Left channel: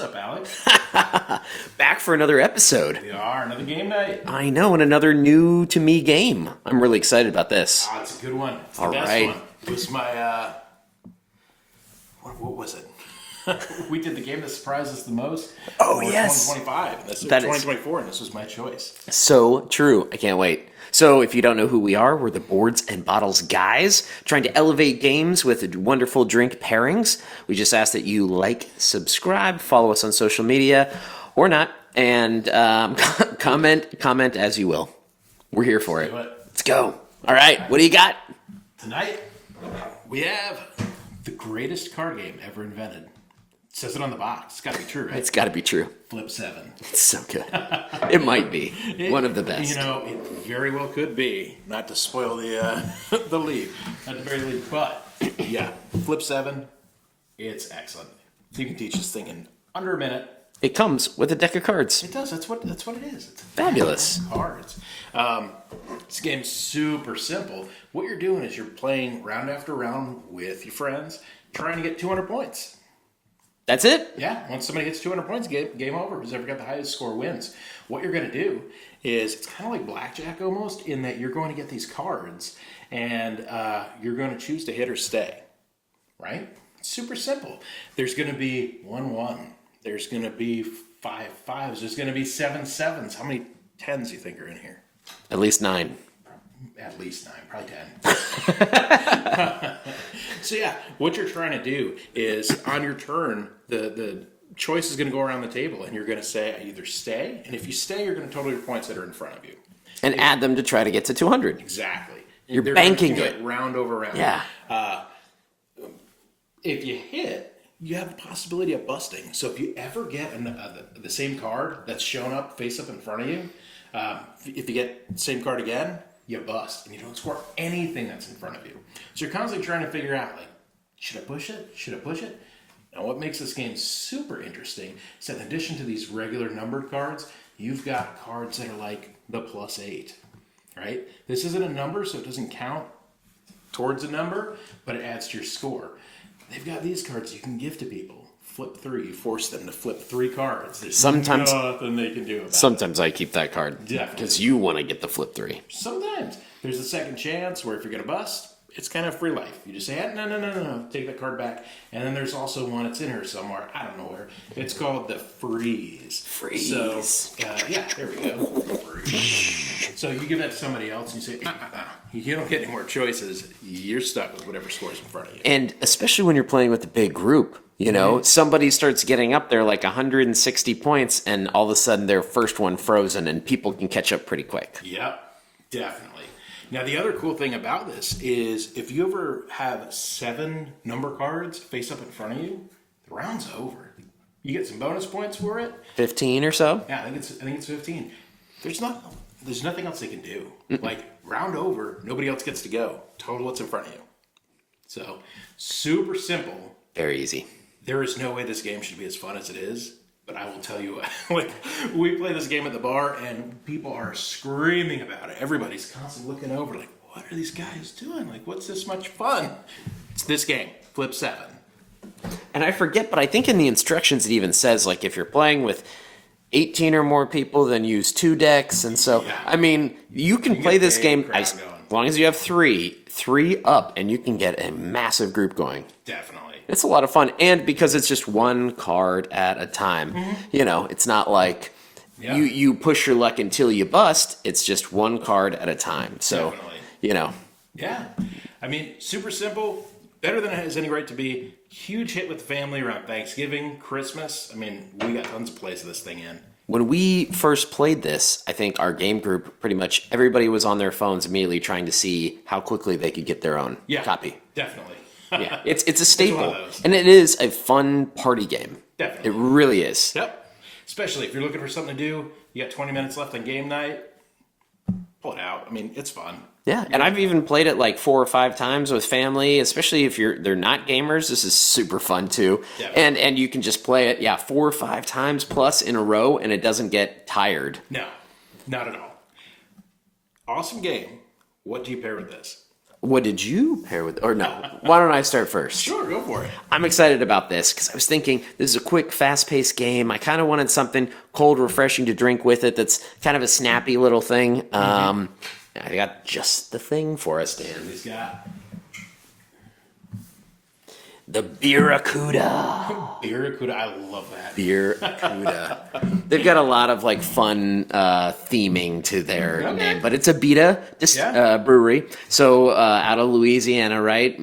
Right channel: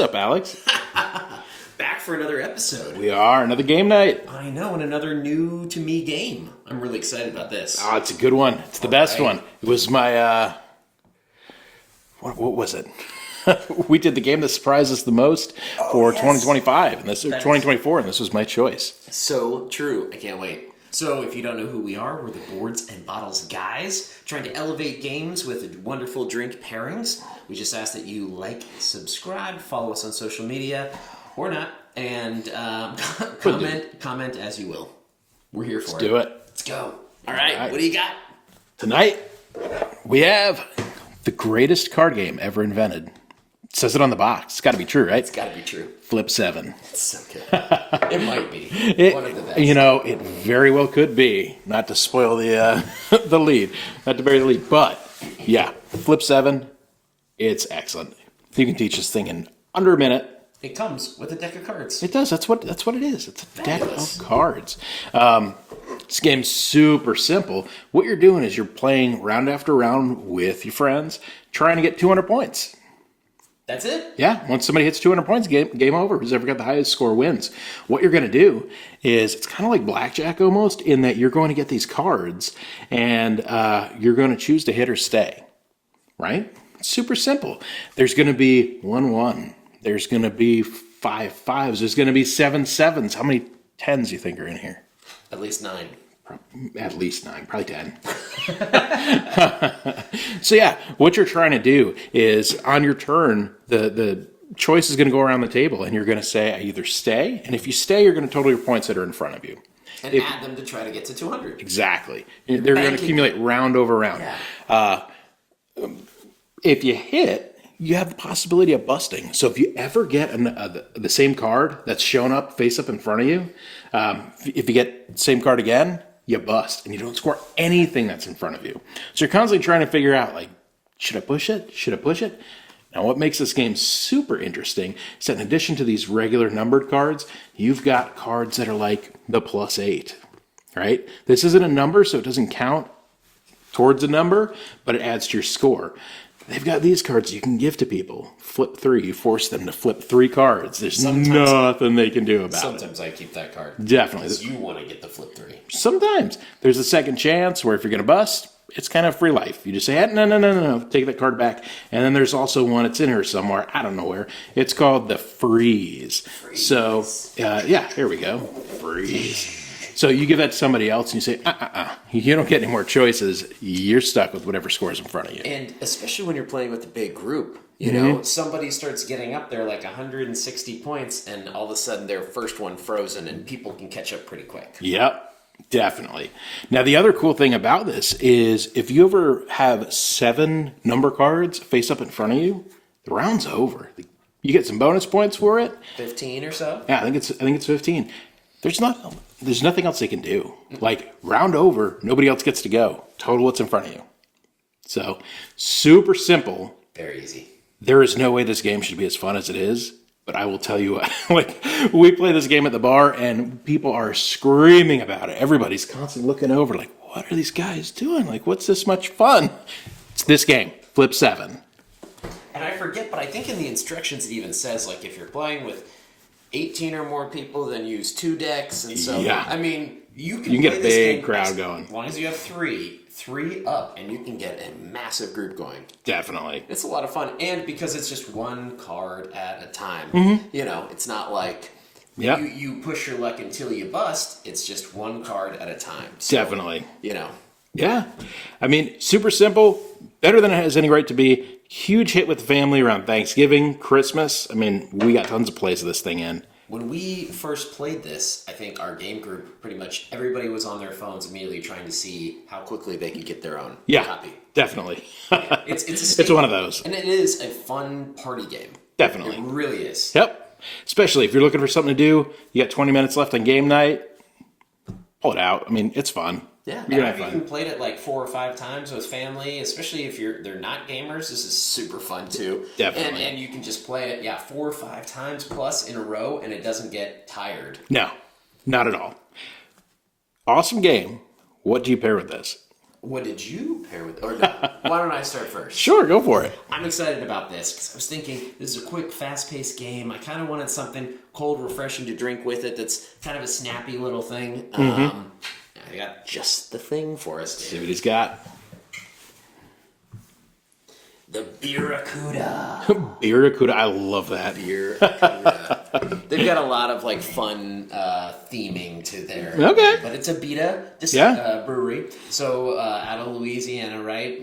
up, Alex? Back for another episode. We are. Another game night. I know, and another new to me game. I'm really excited about this. Oh, it's a good one. It's the best one. It was my, what was it? We did the game that surprised us the most for 2025, and this is 2024, and this was my choice. So true. I can't wait. So if you don't know who we are, we're the Boards and Bottles guys, trying to elevate games with wonderful drink pairings. We just ask that you like, subscribe, follow us on social media, or not, and comment as you will. We're here for Let's do it. Let's go. All right, what do you got? Tonight, we have the greatest card game ever invented. It says it on the box. It's got to be true, right? It's got to be true. Flip 7. It's so good. It might be one of the best. You know, it very well could be. Not to spoil the the lead, not to bury the lead, but yeah, Flip 7. It's excellent. You can teach this thing in under a minute. It comes with a deck of cards. It does. That's what it is. It's a Fabulous. deck of cards. This game's super simple. What you're doing is you're playing round after round with your friends, trying to get 200 points. That's it? Yeah, once somebody hits 200 points, game over. Who's ever got the highest score wins. What you're going to do is, it's kind of like blackjack almost, in that you're going to get these cards, and you're going to choose to hit or stay, right? It's super simple. There's going to be 1-1. There's going to be 5-5s. There's going to be 7-7s. How many 10s do you think are in here? At least 9. At least 9, probably 10. So yeah, what you're trying to do is on your turn, the choice is going to go around the table, and you're going to say, I either stay, and if you stay, you're going to total your points that are in front of you. And add them to try to get to 200. Exactly. They're going to accumulate round over round. Yeah. If you hit, you have the possibility of busting. So if you ever get the same card that's shown up face up in front of you, if you get the same card again, you bust, and you don't score anything that's in front of you. So you're constantly trying to figure out, like, should I push it? Should I push it? Now, what makes this game super interesting is that in addition to these regular numbered cards, you've got cards that are like the +8, right? This isn't a number, so it doesn't count towards a number, but it adds to your score. They've got these cards you can give to people. Flip 3. You force them to flip 3 cards. There's nothing they can do about it. Sometimes I keep that card. Definitely. Because you want to get the flip 3. Sometimes. There's a second chance where if you're going to bust, it's kind of free life. You just say, no, take that card back. And then there's also one, it's in here somewhere, I don't know where. It's called the freeze. So, yeah, here we go. Freeze. So you give that to somebody else and you say, you don't get any more choices. You're stuck with whatever scores in front of you. And especially when you're playing with a big group, you know, somebody starts getting up there like 160 points, and all of a sudden their first one frozen, and people can catch up pretty quick. Yep, definitely. Now, the other cool thing about this is if you ever have 7 number cards face up in front of you, the round's over. You get some bonus points for it. 15 or so? Yeah, I think it's 15. There's nothing else they can do. Like, round over, nobody else gets to go. Total what's in front of you. So, super simple. Very easy. There is no way this game should be as fun as it is, but I will tell you what, like, we play this game at the bar, and people are screaming about it. Everybody's constantly looking over, like, what are these guys doing? Like, what's this much fun? It's this game, Flip 7. And I forget, but I think in the instructions it even says, like, if you're playing with 18 or more people, then use 2 decks. And so, yeah. I mean, you can play this game crowd going. As long as you have 3 up, and you can get a massive group going. Definitely. It's a lot of fun. And because it's just one card at a time, you know, it's not like you push your luck until you bust. It's just one card at a time. So, definitely. You know. Yeah. I mean, super simple. Better than it has any right to be. Huge hit with the family around Thanksgiving, Christmas. I mean, we got tons of plays of this thing in. When we first played this, I think our game group, pretty much everybody was on their phones immediately trying to see how quickly they could get their own copy. Definitely. Yeah, it's a staple. It's one of those. And it is a fun party game. Definitely. It really is. Yep. Especially if you're looking for something to do, you got 20 minutes left on game night, pull it out. I mean, it's fun. Yeah, and I've even played it like 4 or 5 times with family, especially if they're not gamers. This is super fun too. Definitely. And you can just play it, 4 or 5 times plus in a row, and it doesn't get tired. No, not at all. Awesome game. What do you pair with this? What did you pair with? Or no? Why don't I start first? Sure, go for it. I'm excited about this because I was thinking this is a quick, fast-paced game. I kind of wanted something cold, refreshing to drink with it that's kind of a snappy little thing. I got just the thing for us, See Dan. what he's got. The Barracuda. Barracuda, I love that. Barracuda. They've got a lot of like fun theming to their Okay. name, but it's a Beta brewery. So out of Louisiana, right?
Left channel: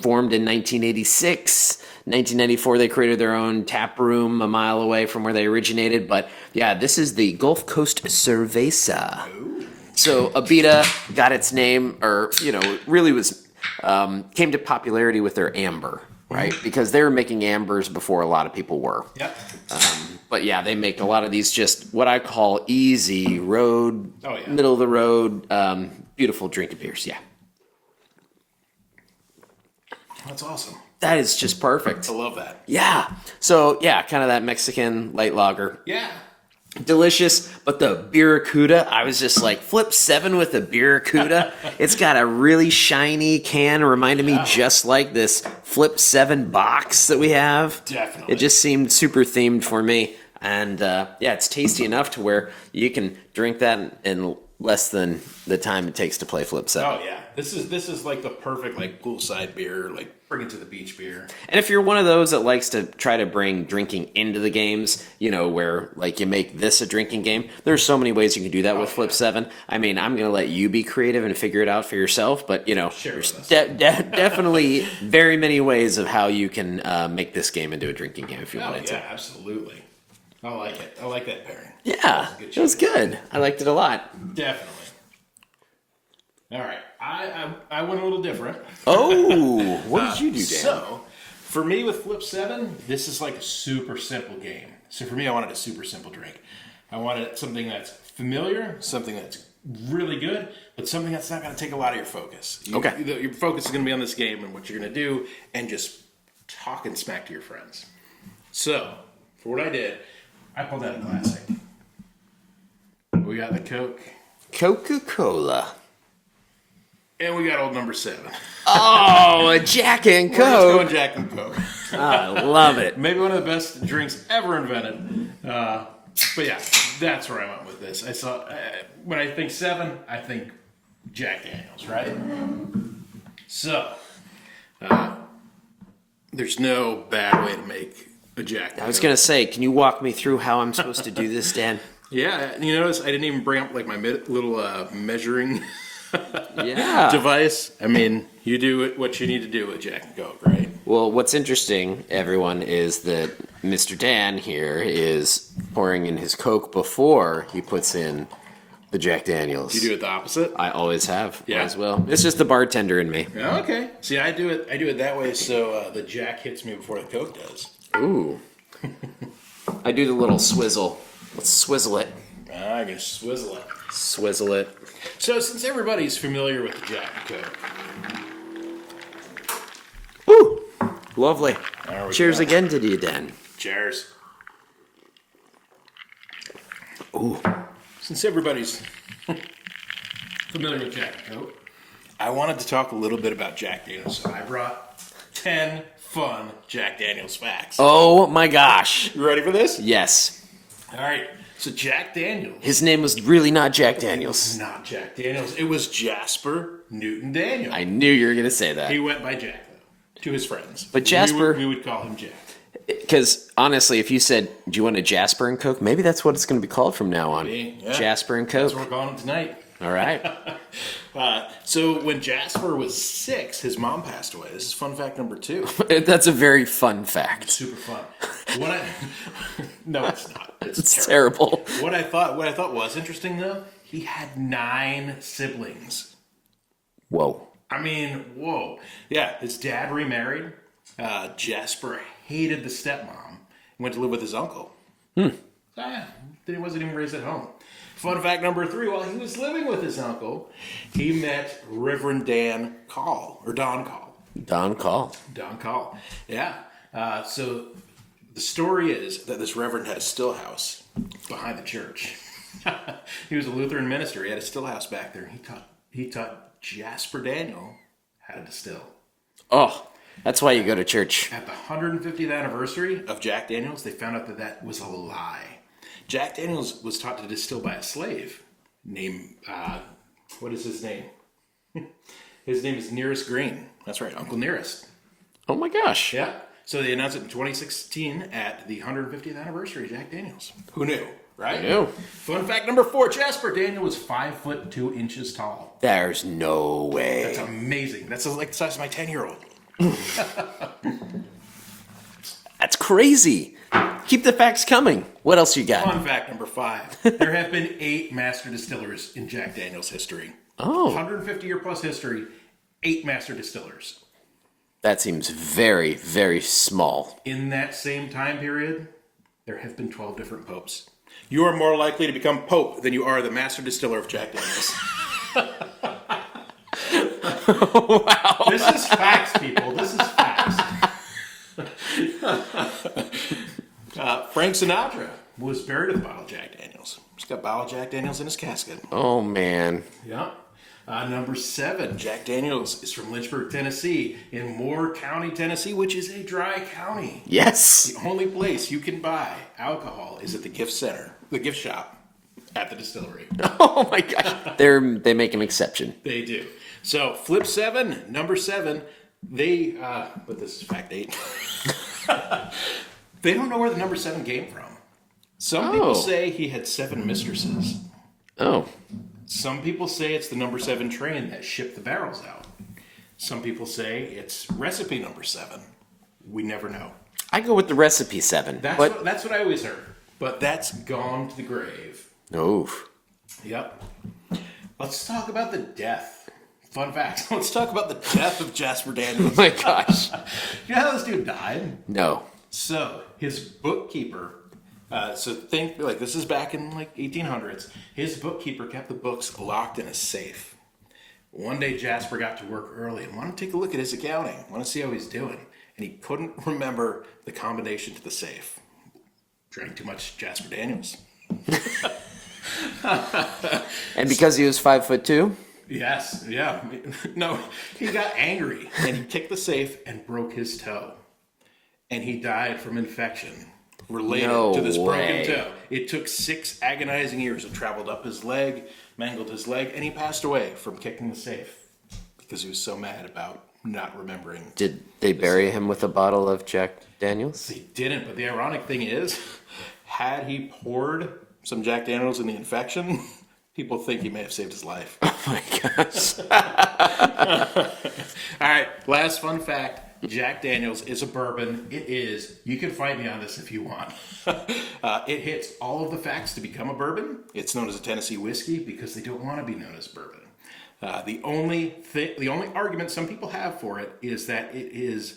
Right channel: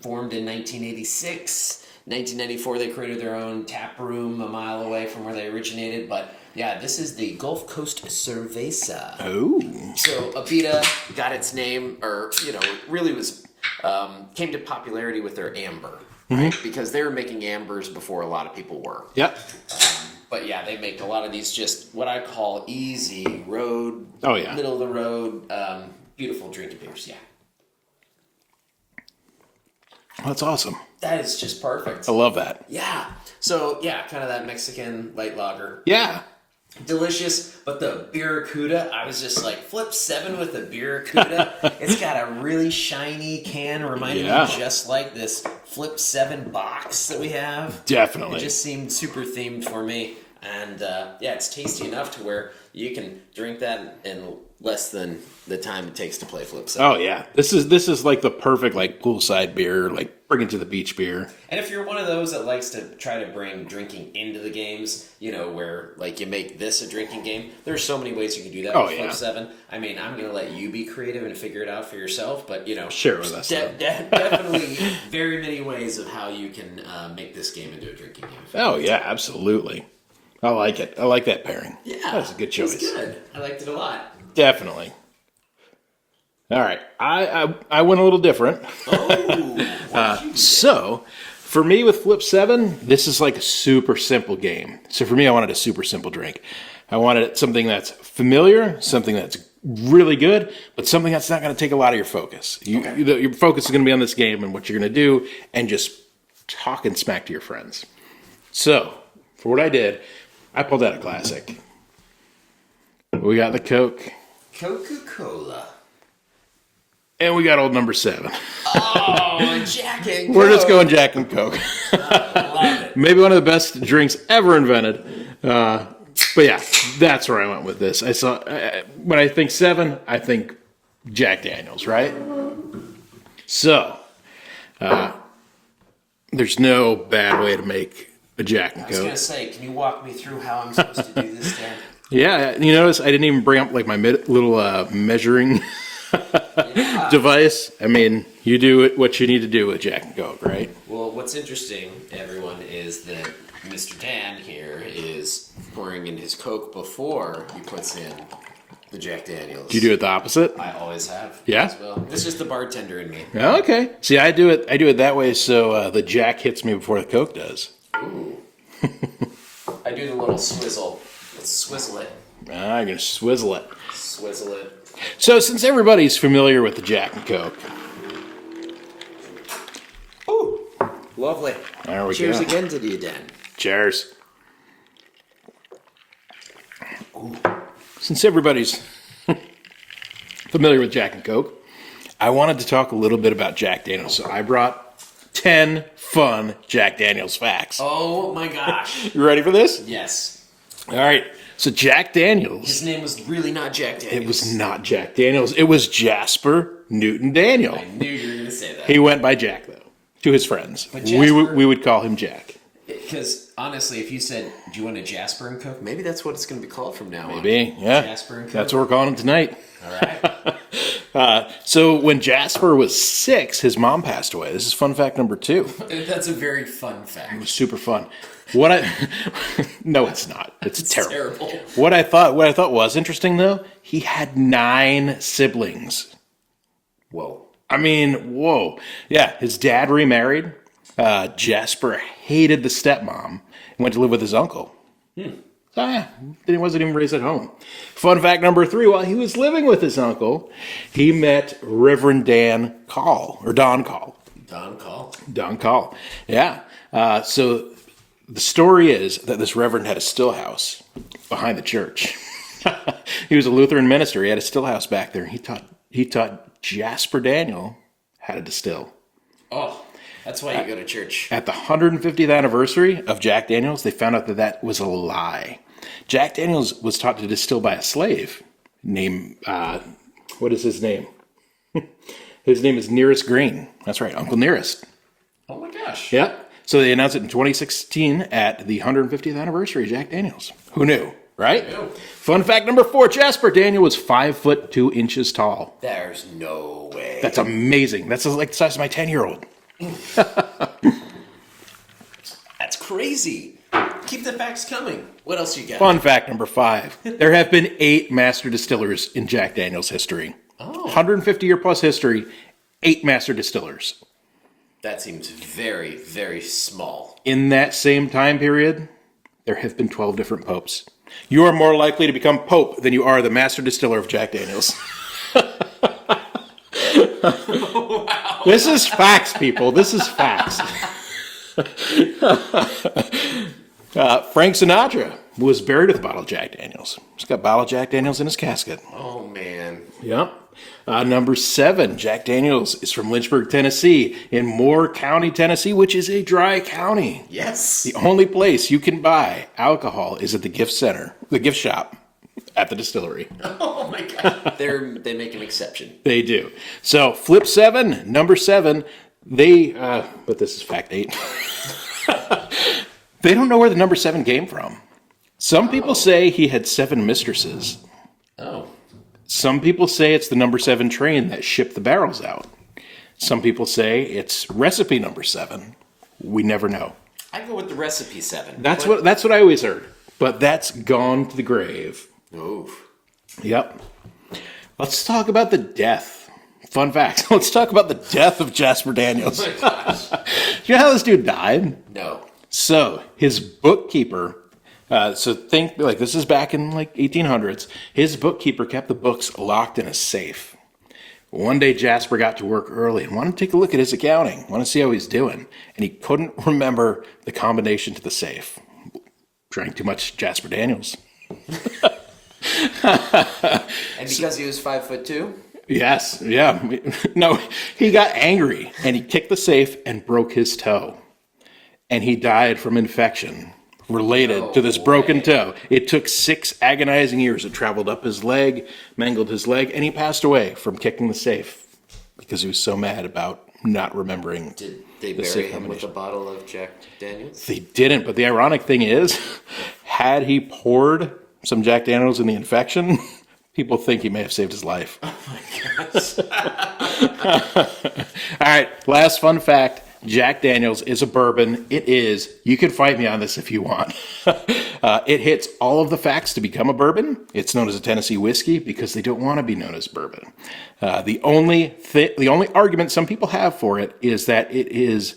Formed in 1986. 1994, they created their own tap room a mile away from where they originated. But yeah, this is the Gulf Coast Cerveza. Oh. So Abita got its name, or really was came to popularity with their amber, right? Because they were making ambers before a lot of people were. Yep. But yeah, they make a lot of these just what I call easy road, middle of the road, beautiful drinking beers. Yeah, That's awesome. that is just perfect. I love that. Yeah. So yeah, kind of that Mexican light lager. Yeah. Delicious, but the Barracuda, I was just like, flip 7 with the Barracuda. It's got a really shiny can, reminded me just like this flip 7 box that we have. Definitely. It just seemed super themed for me. And it's tasty enough to where you can drink that in less than the time it takes to play flip 7. Oh yeah. This is like the perfect like poolside beer, like bring it to the beach beer. And if you're one of those that likes to try to bring drinking into the games, where like you make this a drinking game, there's so many ways you can do that with Flip 7. I mean, I'm going to let you be creative and figure it out for yourself, but Share with us. Definitely very many ways of how you can make this game into a drinking game. If you want to. Absolutely. I like it. I like that pairing. Yeah, That was a good it choice. was good. I liked it a lot. Definitely. All right. I went a little different. Oh, what did you do, Dan? So, for me with Flip 7, this is like a super simple game. So for me, I wanted a super simple drink. I wanted something that's familiar, something that's really good, but something that's not going to take a lot of your focus. Your focus is going to be on this game and what you're going to do and just talking smack to your friends. So, for what I did, I pulled out a classic. We got the Coke. Coca-Cola. And we got old number 7. Oh, a Jack and Coke. We're just going Jack and Coke. I love it. Maybe one of the best drinks ever invented. But yeah, that's where I went with this. I saw when I think 7, I think Jack Daniels, right? So, there's no bad way to make a Jack and Coke. I was going to say, can you walk me through how I'm supposed to do this, Dan? Yeah, you notice I didn't even bring up like my little measuring device. I mean, you do what you need to do with Jack and Coke, right? Well, what's interesting, everyone, is that Mr. Dan here is pouring in his Coke before he puts in the Jack Daniels. Do you do it the opposite? I always have. Yeah? As well. It's just the bartender in me. Okay. See, I do it that way so the Jack hits me before the Coke does. Ooh. I do the little swizzle. Let's swizzle it. I'm going to swizzle it. Swizzle it. So, since everybody's familiar with the Jack and Coke, Woo! Lovely. there we Cheers go. again to you, Dan. Cheers. Ooh. Since everybody's familiar with Jack and Coke, I wanted to talk a little bit about Jack Daniels. So I brought 10 fun Jack Daniels facts. Oh my gosh. You ready for this? Yes. All right. So Jack Daniels. His name was really not Jack Daniels. It was not Jack Daniels. It was Jasper Newton Daniel. I knew you were going to say that. He went by Jack, though, to his friends. But Jasper- we would call him Jack. Because honestly, if you said, "Do you want a Jasper and Coke?" Maybe that's what it's going to be called from now on. Maybe, yeah. Jasper and Coke. That's what we're calling him tonight. All right. So when Jasper was 6, his mom passed away. This is fun fact number 2. That's a very fun fact. Super fun. No, it's not. It's Terrible. What I thought was interesting though, he had 9 siblings. Whoa. I mean, whoa. Yeah, his dad remarried. Jasper hated the stepmom and went to live with his uncle. So yeah, he wasn't even raised at home. Fun fact number 3, while he was living with his uncle, he met Reverend Don Call. Don Call. Don Call. Yeah. So the story is that this reverend had a still house behind the church. He was a Lutheran minister. He had a still house back there. He taught Jasper Daniel how to distill. Oh, that's why you go to church. At the 150th anniversary of Jack Daniels, they found out that that was a lie. Jack Daniels was taught to distill by a slave named, what is his name? His name is Nearest Green. That's right, Uncle Nearest. Oh my gosh. Yep. So they announced it in 2016 at the 150th anniversary of Jack Daniels. Who knew, right? Who knew? Fun fact number 4, Jasper Daniel was 5 foot 2 inches tall. There's no way. That's amazing. That's like the size of my 10-year-old. That's crazy. Keep the facts coming. What else you got? Fun fact number 5. There have been 8 master distillers in Jack Daniels history. Oh. 150-year plus history, 8 master distillers. That seems very, very small. In that same time period, there have been 12 different popes. You are more likely to become pope than you are the master distiller of Jack Daniels. Wow. This is facts, people. This is facts. Frank Sinatra was buried with a bottle of Jack Daniels. He's got a bottle of Jack Daniels in his casket. Oh, man. Yep. Number 7, Jack Daniels is from Lynchburg, Tennessee, in Moore County, Tennessee, which is a dry county. Yes. The only place you can buy alcohol is at the gift center, the gift shop at the distillery. Oh, my gosh. They make an exception. They do. So, flip 7, number 7, but this is fact 8. They don't know where the number 7 came from. Some people say he had 7 mistresses. Oh. Some people say it's the number 7 train that shipped the barrels out. Some people say it's recipe number 7. We never know. I go with the recipe 7. That's what I always heard. But that's gone to the grave. Oof. Yep. Let's talk about the death. Fun fact. Let's talk about the death of Jasper Daniels. Oh my gosh. You know how this dude died? No. So his bookkeeper, so think like this is back in like 1800s. His bookkeeper kept the books locked in a safe. One day Jasper got to work early and wanted to take a look at his accounting, want to see how he's doing, and he couldn't remember the combination to the safe. Drank too much Jasper Daniels. And because he was 5'2"? Yes, yeah. No, he got angry and he kicked the safe and broke his toe. And he died from infection related to this broken toe. It took 6 agonizing years. It traveled up his leg, mangled his leg, and he passed away from kicking the safe because he was so mad about not remembering. Did they bury him with a bottle of Jack Daniels? They didn't, but the ironic thing is, had he poured some Jack Daniels in the infection, people think he may have saved his life. Oh my gosh. All right, last fun fact. Jack Daniels is a bourbon. It is. You can fight me on this if you want. It hits all of the facts to become a bourbon. It's known as a Tennessee whiskey because they don't want to be known as bourbon. The only argument some people have for it is that it is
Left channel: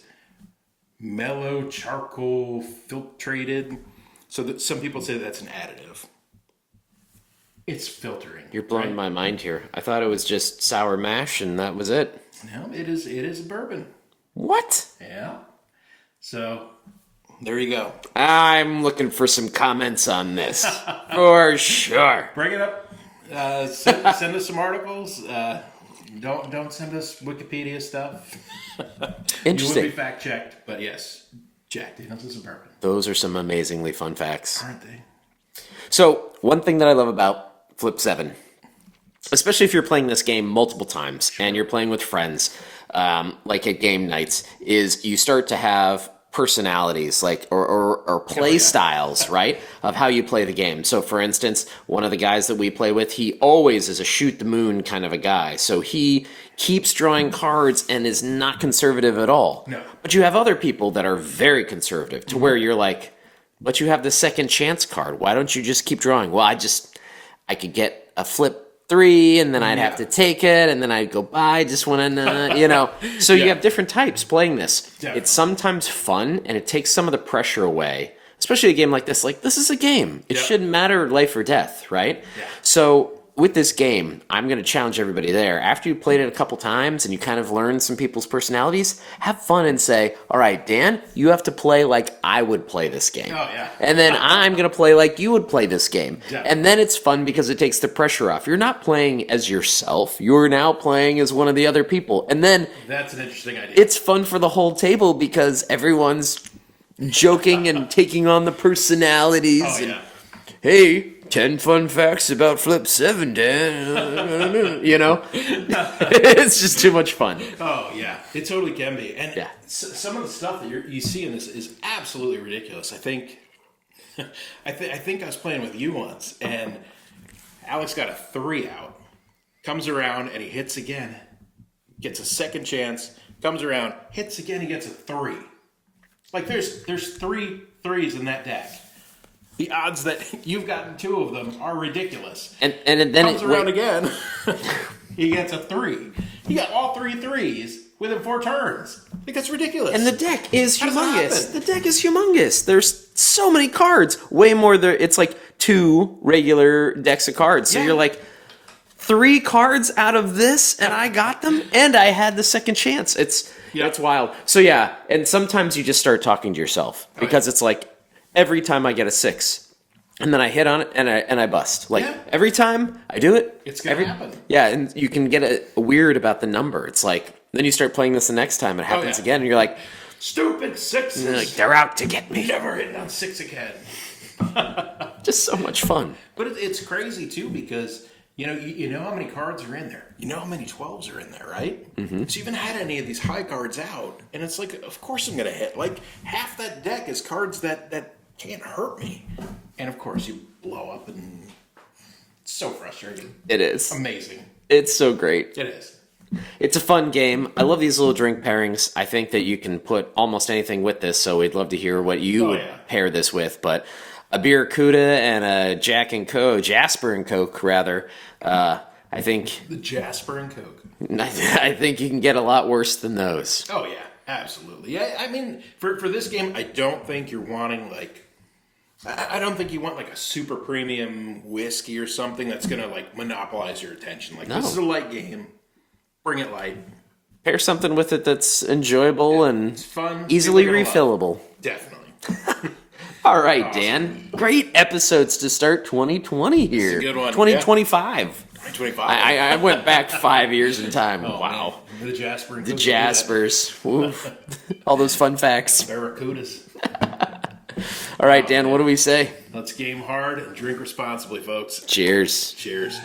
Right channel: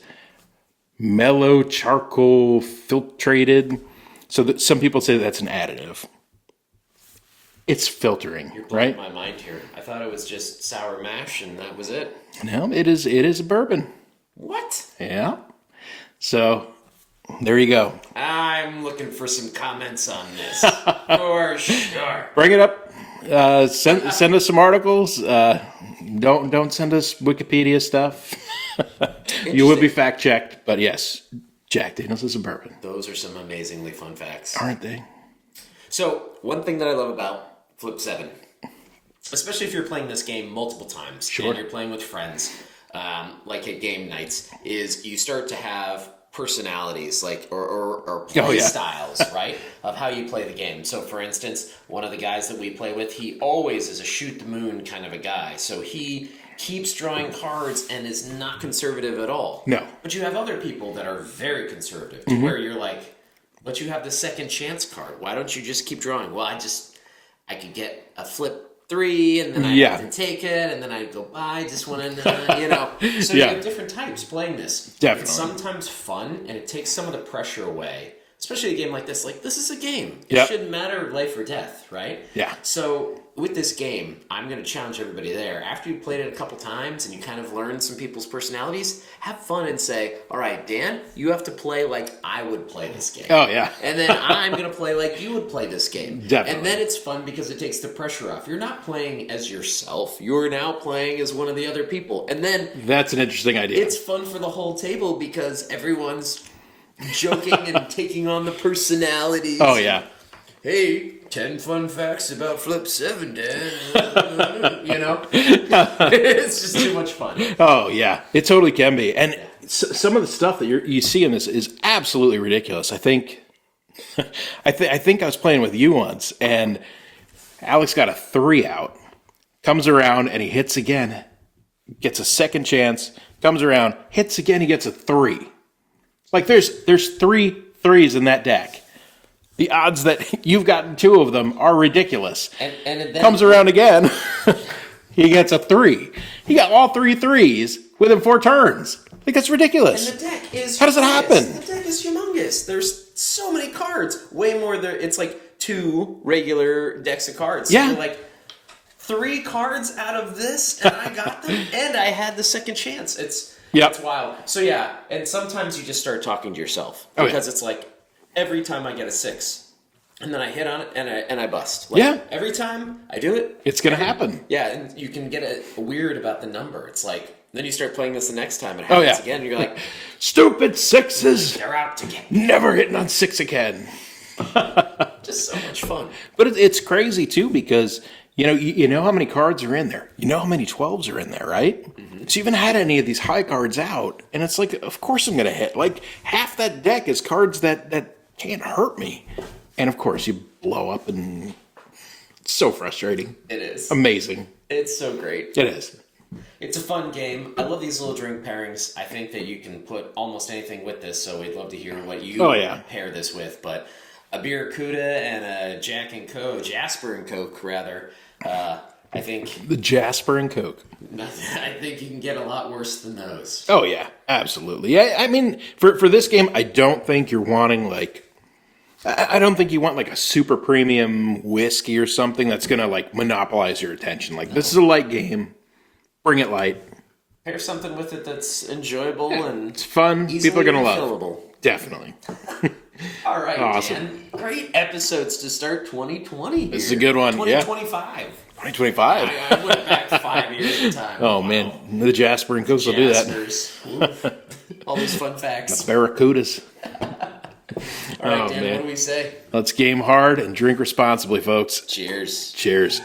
mellow charcoal filtrated. So that some people say that's an additive. It's filtering. You're blowing my mind here. I thought it was just sour mash and that was it. No, it is a bourbon. What? Yeah. So, there you go. I'm looking for some comments on this. For sure. Bring it up. Send us some articles. Don't send us Wikipedia stuff. You will be fact checked, but yes, Jack Daniels is a bourbon. Those are some amazingly fun facts. Aren't they? So, one thing that I love about Flip 7, especially if you're playing this game multiple times and you're playing with friends, like at game nights, is you start to have personalities like or play styles, right, of how you play the game. So for instance, one of the guys that we play with, he always is a shoot the moon kind of a guy. So he keeps drawing cards and is not conservative at all. No. But you have other people that are very conservative to where you're like, but you have the second chance card. Why don't you just keep drawing? Well, I could get a flip 3 and then I'd have to take it and then I'd go buy just when so you have different types playing this. Definitely. It's sometimes fun and it takes some of the pressure away, especially a game like this. Like, this is a game. It shouldn't matter life or death, right? Yeah. So with this game, I'm going to challenge everybody there. After you've played it a couple times and you kind of learn some people's personalities, have fun and say, all right, Dan, you have to play like I would play this game. Oh, yeah. And then I'm going to play like you would play this game. Definitely. And then it's fun because it takes the pressure off. You're not playing as yourself. You're now playing as one of the other people. And then That's an interesting idea. it's fun for the whole table because everyone's joking and taking on the personalities. Oh, yeah. Hey, 10 fun facts about Flip 7, Dan. You know? It's just too much fun. Oh, yeah. It totally can be. And Yeah. some of the stuff that you see in this is absolutely ridiculous. I think I think I was playing with you once, and Alex got a 3 out, comes around, and he hits again, gets a second chance, comes around, hits again, he gets a 3. Like, there's 3 threes in that deck. The odds that you've gotten 2 of them are ridiculous. And then Comes around again, he gets a 3. He got all 3 threes within 4 turns. Like, that's ridiculous. And the deck is How does it humongous. happen? The deck is humongous. There's so many cards. Way more there. It's like 2 regular decks of cards. So Yeah. you're like, 3 cards out of this, and I got them, and I had the second chance. That's wild. So yeah, and sometimes you just start talking to yourself because it's like every time I get a 6, and then I hit on it and I bust. Like every time I do it, It's gonna happen. Yeah, and you can get a weird about the number. It's like then you start playing this the next time, it happens again, and you're like, Stupid like, 6s. they're out to get me. Never hitting on 6 again. Just so much fun. But it's crazy, too, because you know how many cards are in there. You know how many 12s are in there, right? Mm-hmm. So you haven't had any of these high cards out, and it's like, of course I'm going to hit. Like, half that deck is cards that can't hurt me. And, of course, you blow up, and it's so frustrating. It is. Amazing. It's so great. It is. It's a fun game. I love these little drink pairings. I think that you can put almost anything with this, so we'd love to hear what you pair this with. But a Barracuda and a Jasper and Coke, rather. I think The Jasper and Coke. I think you can get a lot worse than those. Oh, yeah. Absolutely. Yeah, I mean, for this game, I don't think you're wanting, like... I don't think you want like a super premium whiskey or something that's going to like monopolize your attention. Like, this is a light game. Bring it light. Pair something with it that's enjoyable and It's fun. easily People are gonna love refillable. it. Definitely. All right, Awesome. Dan. Great episodes to start 2020 here. This is a good one. 2025. 2025. I went back 5 years in time. Oh, Wow. man. The Jasper and Coke will do that. Jaspers. Oof. All those fun facts. Barracudas. All right, Oh, Dan, man. what do we say? Let's game hard and drink responsibly, folks. Cheers. Cheers.